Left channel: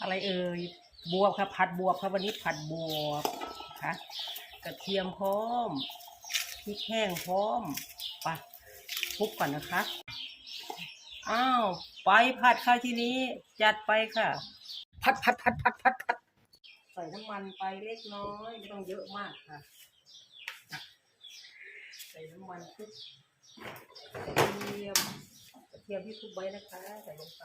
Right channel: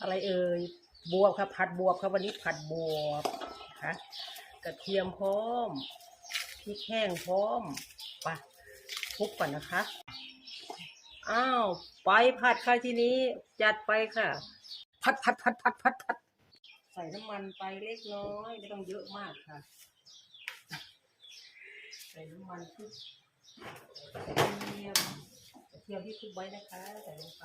อะไรเอ่ยบวบครับผัดบวบครับวันนี้ผัดบวบนะคะกระเทียมพร้อมพริกแห้งพร้อมไปคลุกก่อนนะคะอ้าวไปผัดค่ะทีนี้จัดไปค่ะ ผัดผัดผัดผัดผัดผัดใส่น้ำมันไปเล็กน้อยไม่ต้องเยอะมากค่ะ ใส่น้ำมันคลุกกระเทียมกระเทียมที่คลุกไว้นะคะ ใส่ลงไป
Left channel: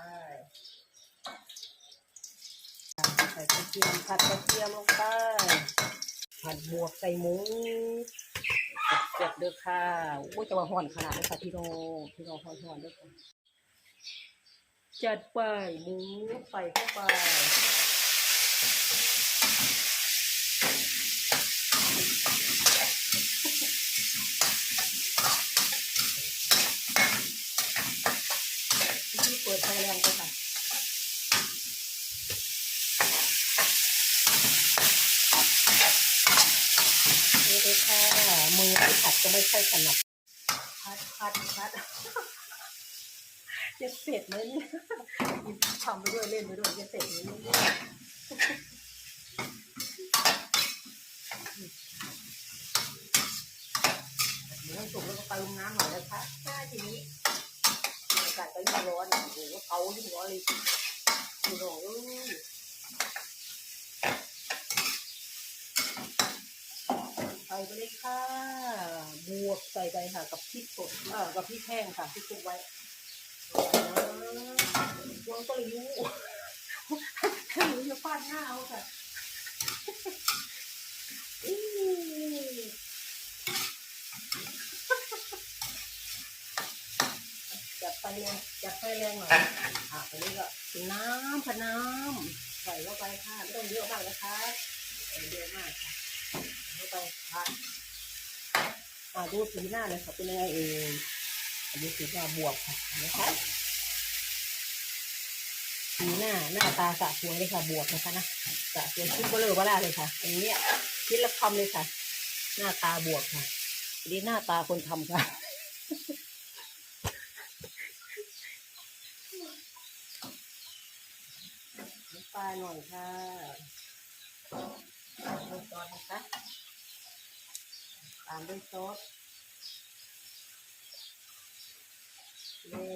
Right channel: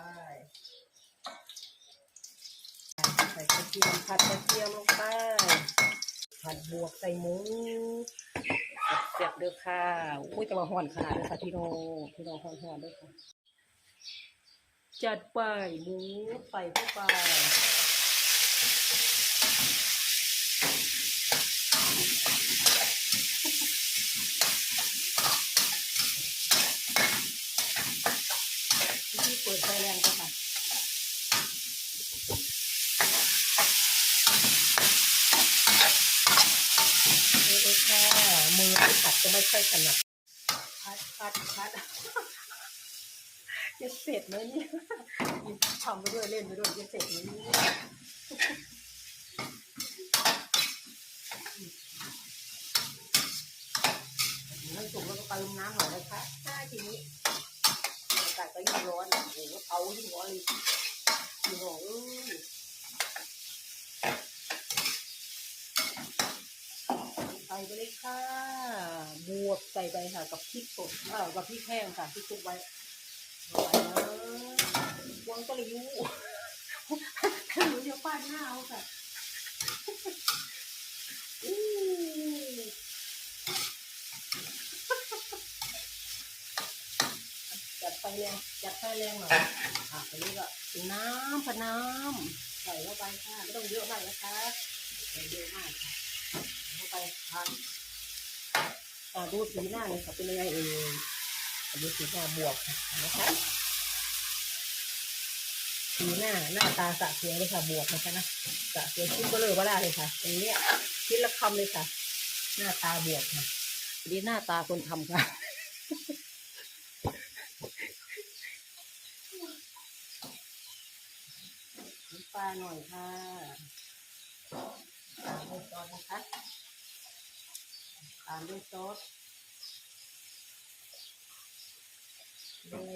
ใส่กระเทียมผัดกระเทียมลงไปผัดบวกใส่หมูเจ็บเด้อค่ะอุ้ยแต่ว่าห่อนขนาดเลยค่ะพี่โนพี่โนห่อนห่อนด้วยค่ะ จัดไปหมูใส่เข้าไปที่เปิดไฟแรงไปค่ะ นี่เลยค่ะ มือที่ผัดจะไม่ค่อยถนัดพัดพัดพัดจะเสร็จไหมเนี่ยทำไปด้วยเล่นไปด้วยจะเสร็จไหมเนี่ยมันสุกแล้วก็ไปลงน้ำหน่อยนะคะใช่ทีนี้อากาศก็ยิ่งร้อนโอ้โหเตายิ่งร้อนเลยคุณโอ้ยใส่ไปเลยค่ะ วกใส่ไปค่ะ กับพริกสดเอ่อกับพริกแห้งค่ะที่คลุกไว้เอาไว้นะวางก็เลยรู้ถ้าหนูจะฟาดหน้าเอาค่ะอื้อจัดไฟแรงจัดไฟแรงหน่อยอะอันนี้ก็น้ำพะน้ำใส่เข้าไปค่ะไม่ต้องเยอะมากนะคะไม่เยอะมากค่ะเข้าไปทา นอ่าดูสีหน้าเลยค่ะเป็นยังไงเอ่ยอันนี้สีหน้าบวกค่ะเห็นะคะสีหน้าหน้าตาสะสวยเลยค่ะบวกนะคะนะสะสวยชิ้นเบลอเบล่าเลยค่ะอันนี้ชิ้นละคำเลยค่ะ หน้าตาบวกค่ะอันนี้หน้าตาคนทำค่ะน้ำปลาหน่อยค่ะตามด้วยซอสนะคะตามด้วยซอสนี่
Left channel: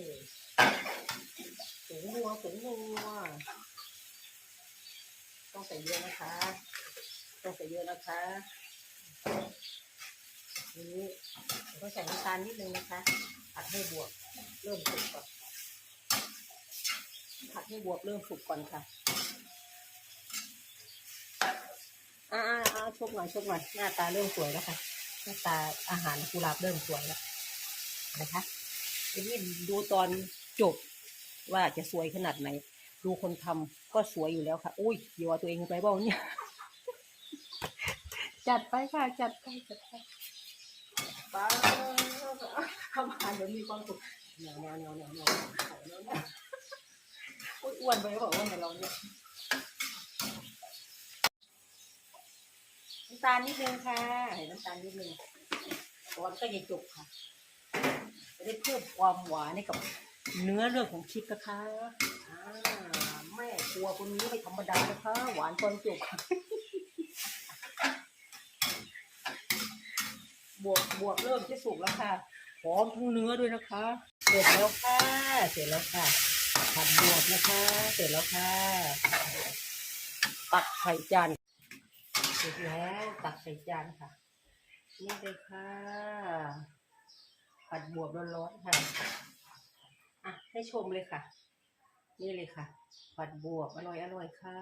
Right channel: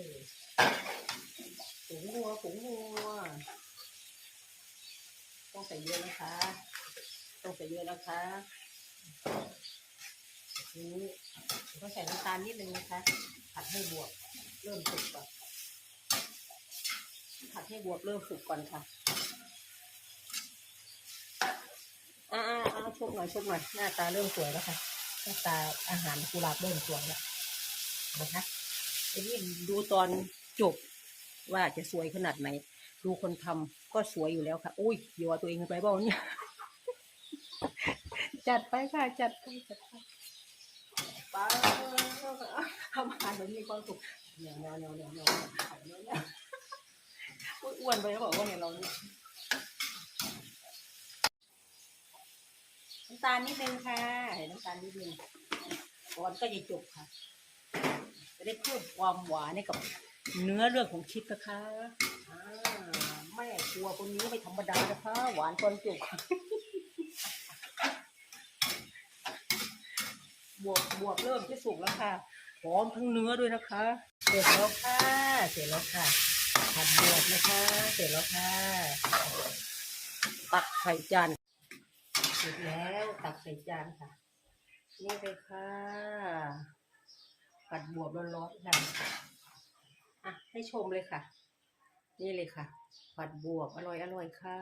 ผงนัวผงนัวต้องใส่เยอะนะคะ ต้องใส่เยอะนะคะนี่ต้องใส่น้ำตาลนิดนึงนะคะ ผัดให้บวกเริ่มสุกก่อนผัดให้บวกเริ่มสุกก่อนค่ะอ่าอ่าอ่าชกหน่อยชกหน่อยหน้าตาเริ่มสวยแล้วค่ะ หน้าตาอาหารกุหลาบเริ่มสวยแล้วนะคะทีนี้ดูตอนจบว่าจะสวยขนาดไหน ดูคนทำก็สวยอยู่แล้วค่ะ อุ้ยอย่ว่าตัวเองไปเปล่าเนี่ย จัดไปค่ะ จัดไปจัดไปป้าทำอาหารเดี๋ยวมีความสุขเหนียวเหนียวเหนียวเหนียวเนียวเหนียเนียวอุ้ยอ้วนไปแล้วบอกว่าไงเราเนี่ย น้ำตาลนิดนึงค่ะใส่น้ำตาลนิดนึงก่อนก็จะจบค่ะ จะได้เพิ่มความหวานให้กับ เนื้อเรื่องของชิปนะคะอ่าแม่ครัวคนนี้ไม่ธรรมดานะคะ หวานตอนจบค่ะบวกบวกเริ่มที่สุกแล้วค่ะหอมทั้งเนื้อด้วยนะคะ เสร็จแล้วค่ะ เสร็จแล้วค่ะผัดบวกนะคะ เสร็จแล้วค่ะ ตักไข่จาน ร็จแล้วตักใส่จานค่ะ นี่เลยค่ะ ผัดบวบร้อนๆค่ะ อะ ให้ชมเลยค่ะ นี่เลยค่ะ ผัดบวบอร่อยอร่อยค่ะ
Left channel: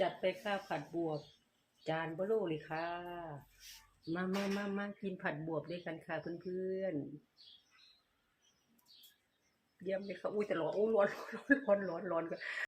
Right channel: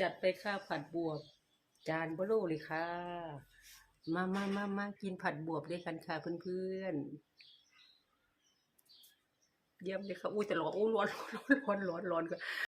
จัดไปค่ะผัดบวบ จานเบลูเลยค่ะ มามามามากินผัดบวบด้วยกันค่ะเพื่อนๆ เยี่ยมเลยค่ะ อุ้ยแต่ร้อนอู้ร้อนร้อนร้อนร้อนร้อนก็